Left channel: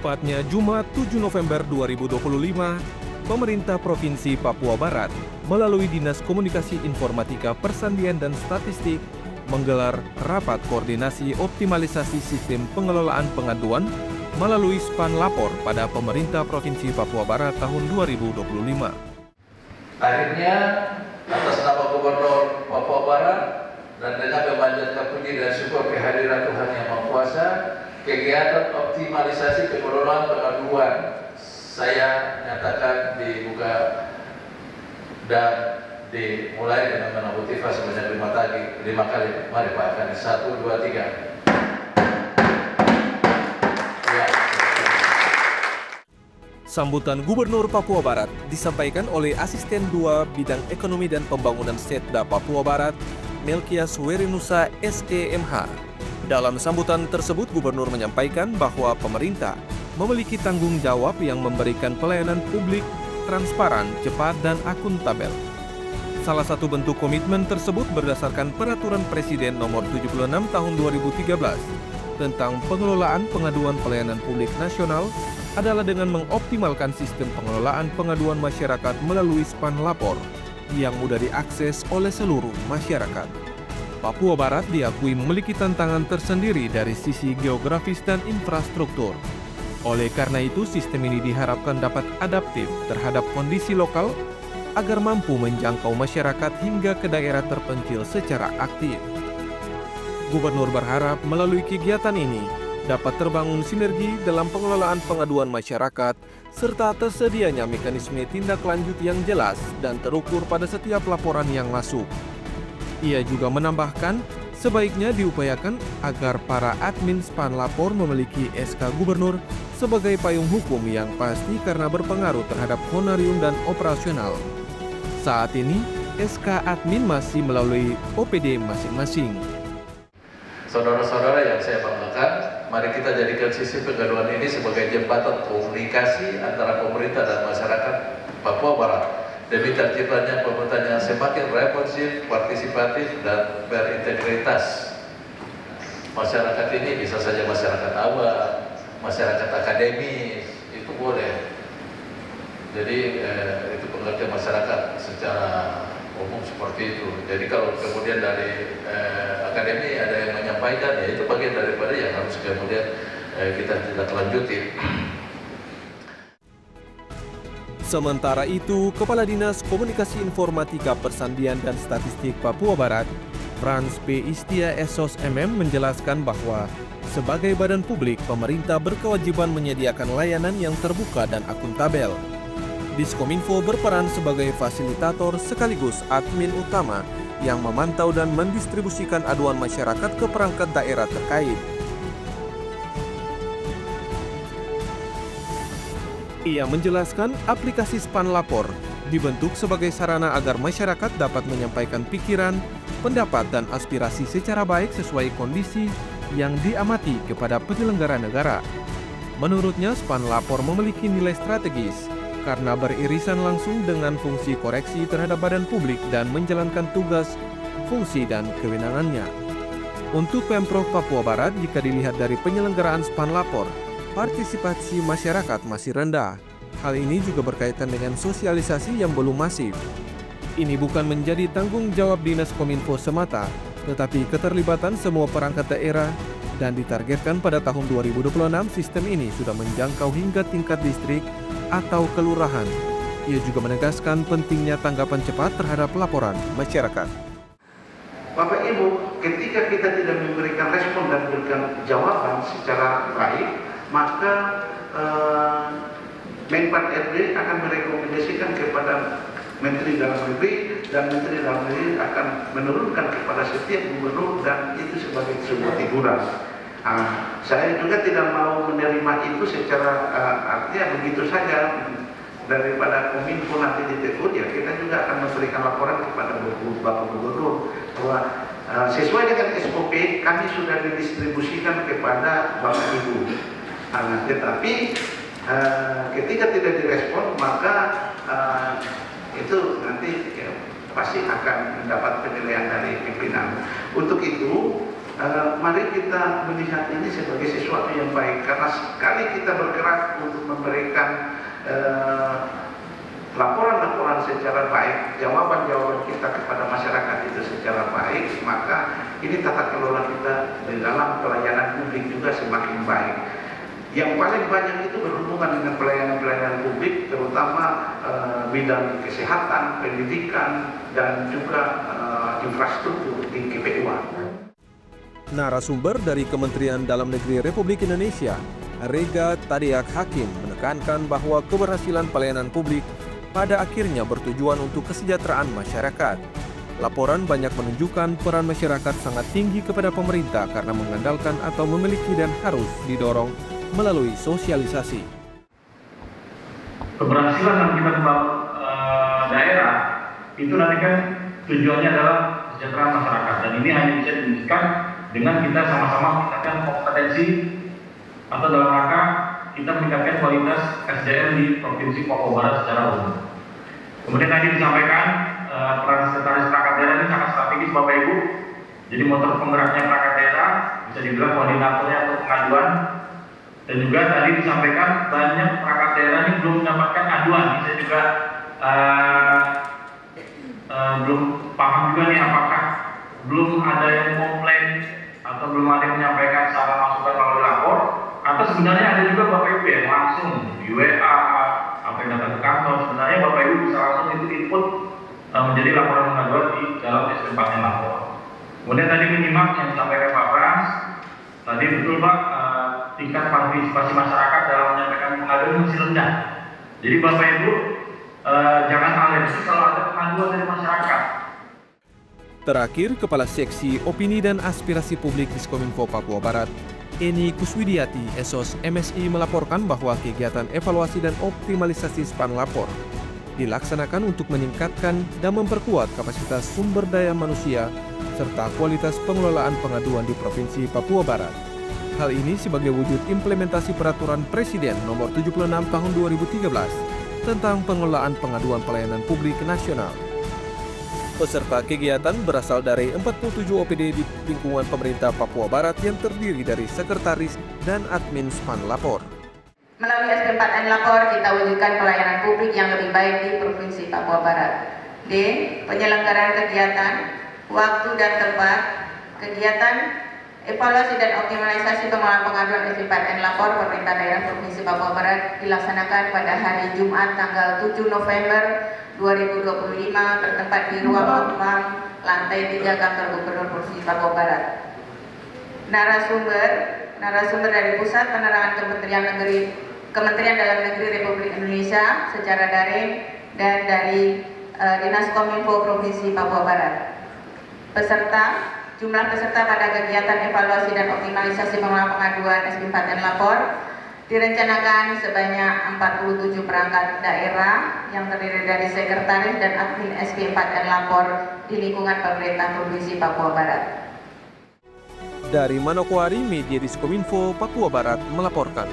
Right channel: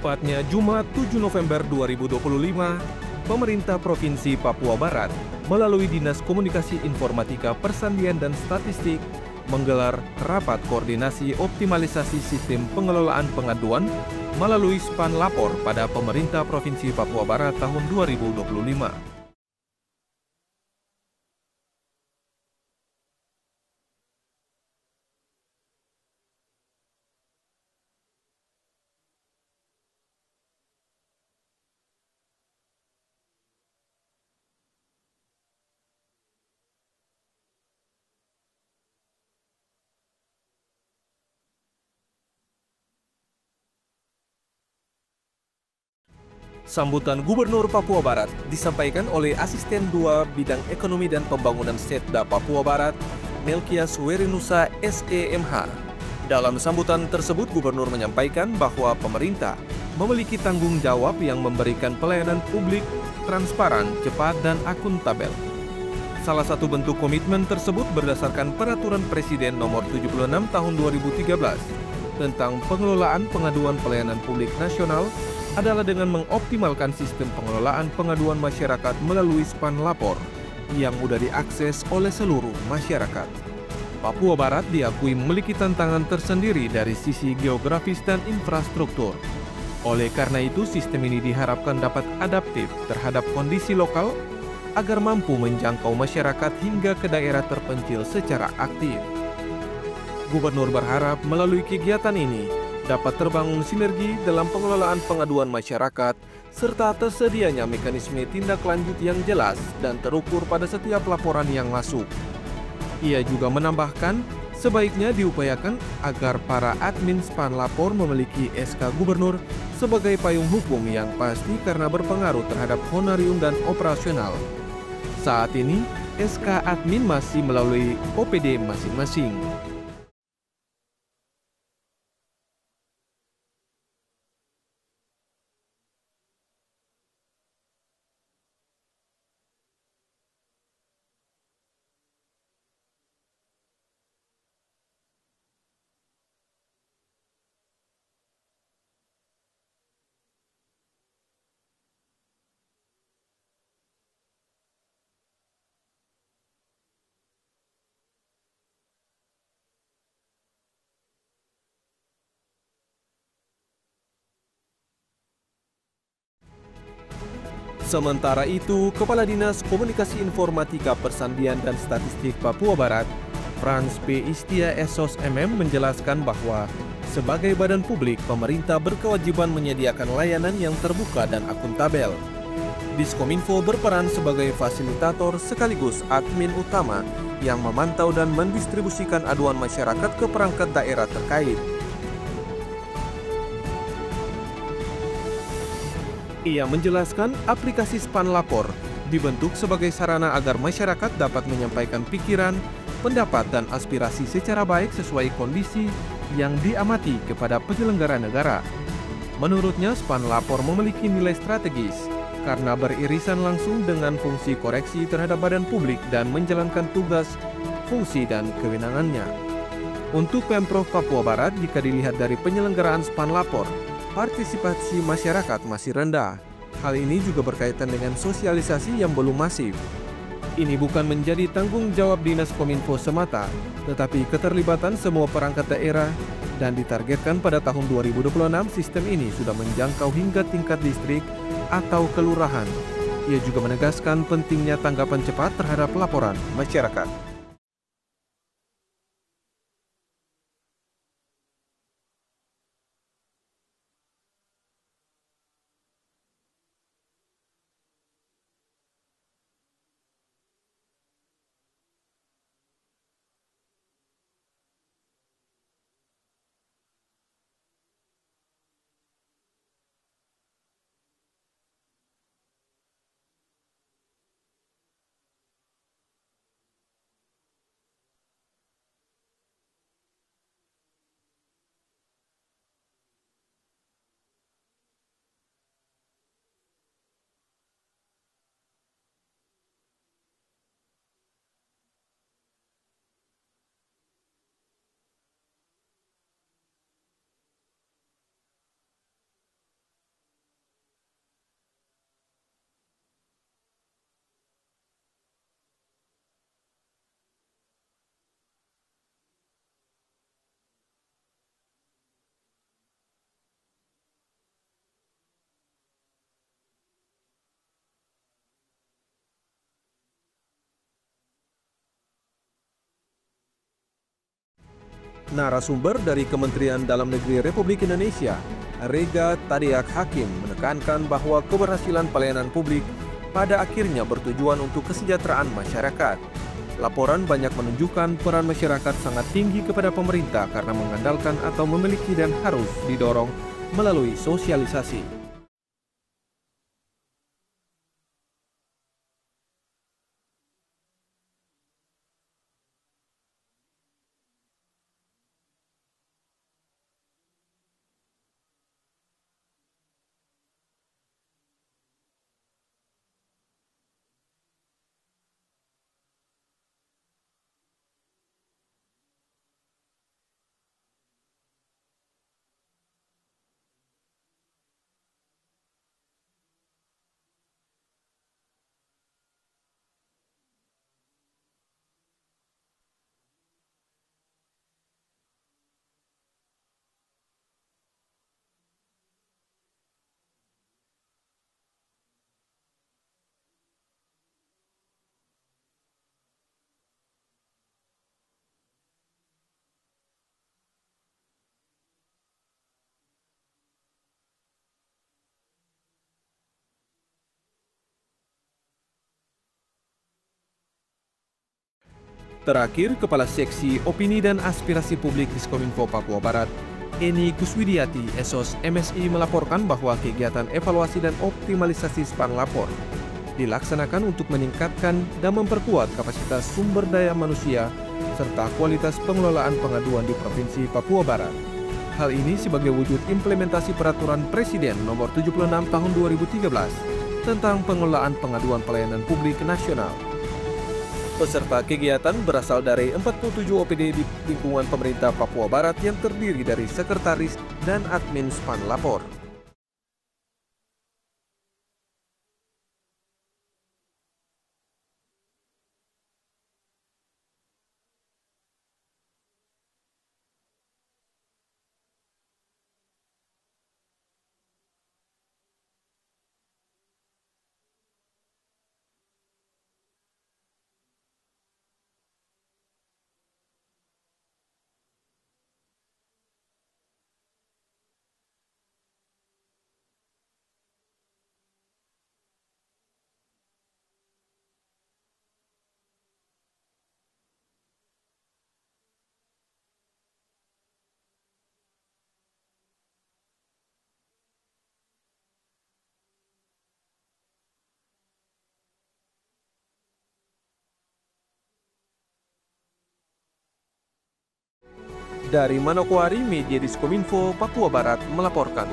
Tepatnya Jumat 7 November 2025, pemerintah Provinsi Papua Barat melalui Dinas Komunikasi Informatika Persandian dan Statistik menggelar rapat koordinasi optimalisasi sistem pengelolaan pengaduan melalui Span Lapor pada pemerintah Provinsi Papua Barat tahun 2025. Akhirnya, atas nama Gubernur Papua Barat dan dengan memanjatkan puji dan syukur kehadiran Tuhan Yang Maha Kuasa, kegiatan optimalisasi pengelolaan pengaduan saya nyatakan dibuka dan dimulai dengan menabuh tifas sebanyak 5 kali. Mari Pak Kani, 1, 2, 3. Ya. Sambutan Gubernur Papua Barat disampaikan oleh Asisten 2 Bidang Ekonomi dan Pembangunan Setda Papua Barat, Melkias Werinusa SEMH. Dalam sambutan tersebut, Gubernur menyampaikan bahwa pemerintah memiliki tanggung jawab yang memberikan pelayanan publik transparan, cepat, dan akuntabel. Salah satu bentuk komitmen tersebut berdasarkan Peraturan Presiden Nomor 76 Tahun 2013 tentang pengelolaan pengaduan pelayanan publik nasional adalah dengan mengoptimalkan sistem pengelolaan pengaduan masyarakat melalui Span Lapor yang mudah diakses oleh seluruh masyarakat. Papua Barat diakui memiliki tantangan tersendiri dari sisi geografis dan infrastruktur. Oleh karena itu, sistem ini diharapkan dapat adaptif terhadap kondisi lokal agar mampu menjangkau masyarakat hingga ke daerah terpencil secara aktif. Gubernur berharap melalui kegiatan ini dapat terbangun sinergi dalam pengelolaan pengaduan masyarakat serta tersedianya mekanisme tindak lanjut yang jelas dan terukur pada setiap laporan yang masuk. Ia juga menambahkan, sebaiknya diupayakan agar para admin Span Lapor memiliki SK Gubernur sebagai payung hukum yang pasti karena berpengaruh terhadap honorium dan operasional. Saat ini, SK admin masih melalui OPD masing-masing. Saudara-saudara yang saya banggakan, mari kita jadikan sistem pengaduan ini sebagai jembatan komunikasi antara pemerintah dan masyarakat Papua Barat demi terciptanya pemerintahan yang semakin responsif, partisipatif, dan berintegritas. Masyarakat ini bisa saja masyarakat awam, masyarakat akademis, itu boleh. Jadi itu pengertian masyarakat secara umum seperti itu. Jadi kalau kemudian dari akademi ada yang menyampaikan, ya itu bagian daripada yang harus kemudian kita tidak lanjuti. Sementara itu, Kepala Dinas Komunikasi Informatika Persandian dan Statistik Papua Barat, Frans P. Istia Esos MM menjelaskan bahwa sebagai badan publik, pemerintah berkewajiban menyediakan layanan yang terbuka dan akuntabel. Diskominfo berperan sebagai fasilitator sekaligus admin utama yang memantau dan mendistribusikan aduan masyarakat ke perangkat daerah terkait. Ia menjelaskan aplikasi Span Lapor dibentuk sebagai sarana agar masyarakat dapat menyampaikan pikiran, pendapat, dan aspirasi secara baik sesuai kondisi yang diamati kepada penyelenggara negara. Menurutnya, Span Lapor memiliki nilai strategis karena beririsan langsung dengan fungsi koreksi terhadap badan publik dan menjalankan tugas, fungsi, dan kewenangannya. Untuk Pemprov Papua Barat, jika dilihat dari penyelenggaraan Span Lapor, partisipasi masyarakat masih rendah. Hal ini juga berkaitan dengan sosialisasi yang belum masif. Ini bukan menjadi tanggung jawab Dinas Kominfo semata, tetapi keterlibatan semua perangkat daerah dan ditargetkan pada tahun 2026 sistem ini sudah menjangkau hingga tingkat distrik atau kelurahan. Ia juga menegaskan pentingnya tanggapan cepat terhadap laporan masyarakat. Bapak Ibu, ketika kita tidak memberikan respon dan memberikan jawaban secara baik, maka Menpan RD akan merekomendasikan kepada Menteri Dalam Negeri, dan Menteri Dalam Negeri akan menurunkan kepada setiap gubernur, dan itu sebagai sebuah teguran. Saya juga tidak mau menerima itu secara artinya begitu saja. Daripada Kominfo nanti ditegur, ya kita juga akan memberikan laporan kepada Bapak Gubernur bahwa sesuai dengan SOP kami sudah didistribusikan kepada Bapak Ibu. Tetapi ketika tidak direspon, maka itu nanti ya, pasti akan mendapat penilaian dari pimpinan. Untuk itu mari kita melihat ini sebagai sesuatu yang baik, karena sekali kita bergerak untuk memberikan laporan-laporan secara baik, jawaban-jawaban kita kepada masyarakat itu secara baik, maka ini tata kelola kita di dalam pelayanan publik juga semakin baik. Yang paling banyak itu berhubungan dengan pelayanan-pelayanan publik, terutama bidang kesehatan, pendidikan, dan juga infrastruktur di KPUA. Narasumber dari Kementerian Dalam Negeri Republik Indonesia, Rega Tadiak Hakim, menekankan bahwa keberhasilan pelayanan publik pada akhirnya bertujuan untuk kesejahteraan masyarakat. Laporan banyak menunjukkan peran masyarakat sangat tinggi kepada pemerintah karena mengandalkan atau memiliki dan harus didorong melalui sosialisasi. Keberhasilan yang kita membangun daerah itu nanti kan tujuannya adalah kesejahteraan masyarakat, dan ini hanya bisa diwujudkan dengan kita sama-sama meningkatkan kompetensi atau dalam rangka kita meningkatkan kualitas SDM di Provinsi Papua Barat secara umum. Kemudian tadi disampaikan peran sekretaris perangkat daerah ini sangat strategis Bapak Ibu. Jadi motor penggeraknya perangkat daerah, bisa dibilang koordinatornya atau pengaduan. Dan juga tadi disampaikan banyak perangkat daerah ini belum mendapatkan aduan. Saya juga belum paham juga nih apakah belum ada yang komplain atau belum ada yang menyampaikan saran masukan melalui lapor, atau sebenarnya ada juga Bapak Ibu yang langsung di WA apa yang datang ke kantor. Sebenarnya Bapak Ibu bisa langsung itu input menjadi laporan pengaduan di dalam SP4N lapor. Kemudian tadi menyimak yang disampaikan Pak Frans, tadi betul Pak, tingkat partisipasi masyarakat dalam menyampaikan pengaduan masih rendah. Jadi Bapak Ibu jangan alergi kalau ada pengaduan dari masyarakat. Terakhir, Kepala Seksi Opini dan Aspirasi Publik Diskominfo Papua Barat, Eni Kuswidiati, Esos MSI, melaporkan bahwa kegiatan evaluasi dan optimalisasi SPAN Lapor dilaksanakan untuk meningkatkan dan memperkuat kapasitas sumber daya manusia serta kualitas pengelolaan pengaduan di Provinsi Papua Barat. Hal ini sebagai wujud implementasi Peraturan Presiden Nomor 76 Tahun 2013 tentang pengelolaan pengaduan pelayanan publik nasional. Peserta kegiatan berasal dari 47 OPD di lingkungan pemerintah Papua Barat yang terdiri dari sekretaris dan admin SPAN Lapor. Melalui SP4N Lapor, kita wujudkan pelayanan publik yang lebih baik di Provinsi Papua Barat. D. Penyelenggaraan kegiatan, waktu dan tempat. Kegiatan evaluasi dan optimalisasi pengelolaan pengaduan SP4N Lapor Pemerintah Daerah Provinsi Papua Barat dilaksanakan pada hari Jumat tanggal 7 November 2025 bertempat di ruang Opmam lantai 3 Kantor Gubernur Provinsi Papua Barat. Narasumber dari Pusat Penerangan Kementerian Dalam Negeri Republik Indonesia secara daring dan dari Dinas Kominfo Provinsi Papua Barat. Jumlah peserta pada kegiatan evaluasi dan optimalisasi pengelolaan pengaduan SP4N Lapor direncanakan sebanyak 47 perangkat daerah yang terdiri dari sekretaris dan admin SP4N Lapor di lingkungan pemerintah Provinsi Papua Barat. Dari Manokwari, Media Diskominfo Papua Barat melaporkan.